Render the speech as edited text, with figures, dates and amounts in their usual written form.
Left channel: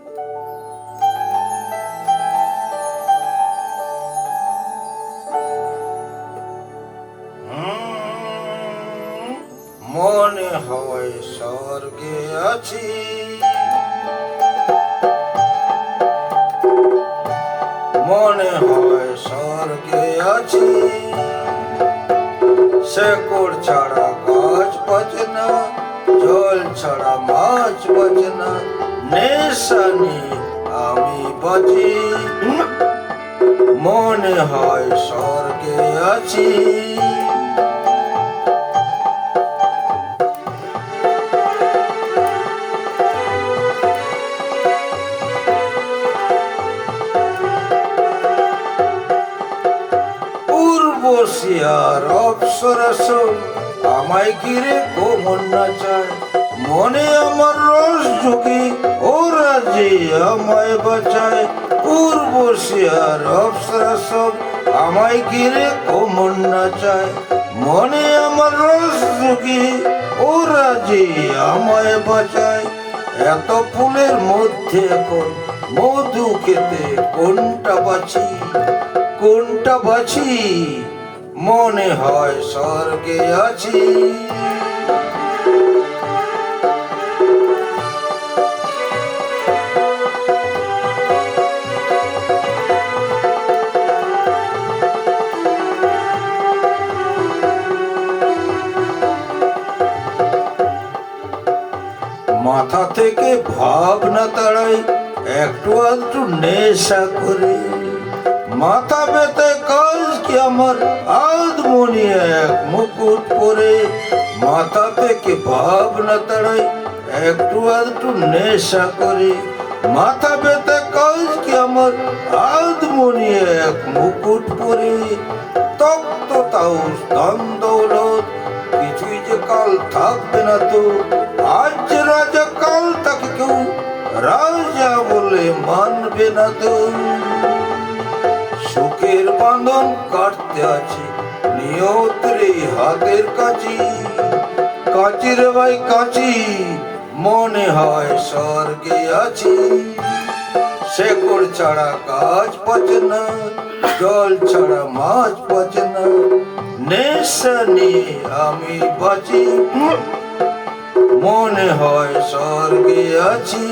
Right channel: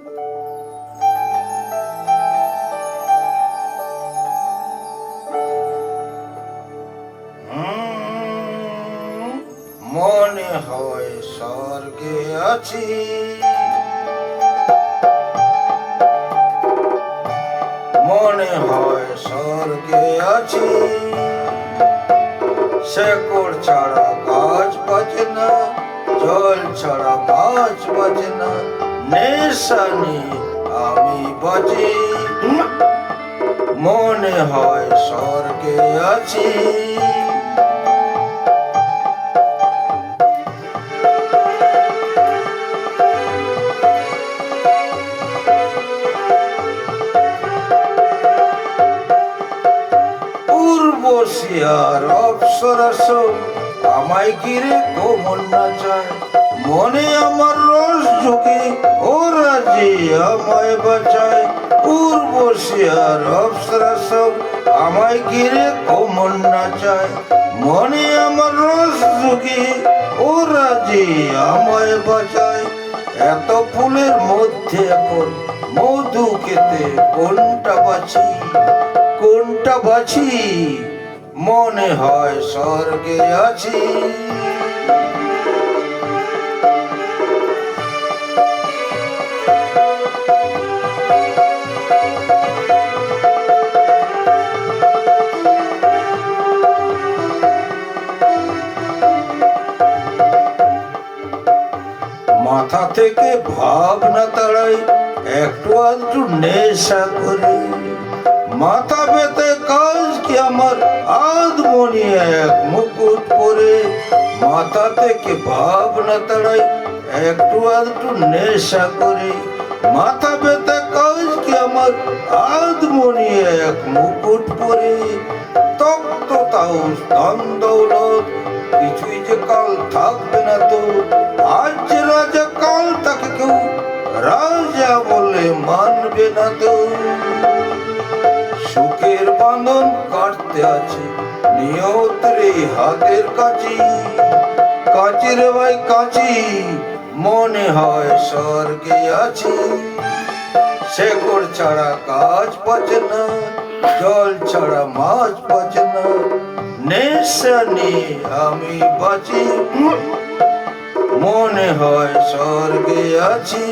মনে হয় স্বর্গে আছি, মনে হয় স্বর্গে আছি। শেকড় ছাড়া গাছ বাঁচে না, জল ছাড়া মাছ বাঁচে না, নেশা নিয়ে আমি বাঁচি। মনে হয় স্বর্গে আছি। উর্বশিয়ার অপ্সরস আমায় ঘিরে কোমল নাচায়, মনে আমার রস ঝুঁকি ওরা যে আমায় বাঁচায়। উর্বশিয়ার অপ্সরস আমায় ঘিরে কোমল নাচায়, মনে আমার রস ঝুঁকি ওরা যে আমায় বাঁচায়। এত ফুলের মধ্যে এখন মধু খেতে কোনটা বাছি, কোনটা বাছি? মনে হয় স্বর্গে আছি। মাথা থেকে ভাবনা তাড়াই একটু আধটু নেশা করে, মাথা ব্যথায় কাজ কি আমার আধমনি এক মুকুট পরে। মাথা থেকে ভাবনা তাড়াই একটু আধটু নেশা করে, মাথা ব্যথায় কাজ কি আমার আধমনি এক মুকুট পরে। তপ্ত তাও ধন দৌলত কিছুই যে কাল থাকবে না তো, আজ যে রাজা কাল তাকে কেউ রাজা বলে মানবে না তো। সুখের বাঁধন কাটতে আছে নিয়তরে হাতের কাছি, কাচির ভাই কাছি। মনে হয় স্বর্গে আছি। শেকড় ছাড়া গাছ বাঁচে না, জল ছাড়া মাছ বাঁচে না, নেশা নিয়ে আমি বাঁচি। মনে হয় স্বর্গে আছি।